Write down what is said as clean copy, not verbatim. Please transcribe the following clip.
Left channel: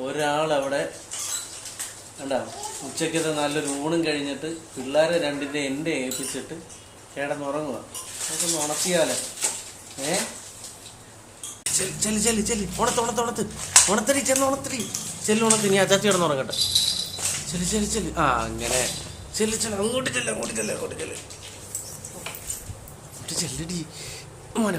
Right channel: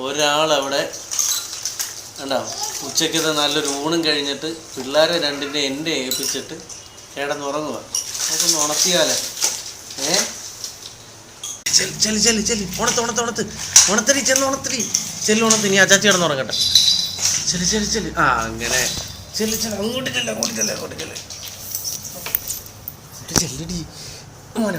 ഒരാളവിടെ കണ്ടോ ഉച്ചയ്ക്കത്തെ നല്ലൊരു ഊണും കഴിഞ്ഞിട്ട് പിള്ളേരെ രണ്ടിൻ്റെ എൻ്റെ ഏൽപ്പിച്ചിട്ട് കിടന്നുറങ്ങുക. നമുക്കൊന്ന് ഉണർത്തിയാലോ? ഉണത്തരി ഉണത്തി നീ അച്ചാച്ചി കിടന്നുറങ്ങട്ടെ. ആ അങ്ങനെ അങ്ങോട്ട് ചെല്ലടി മോനെ.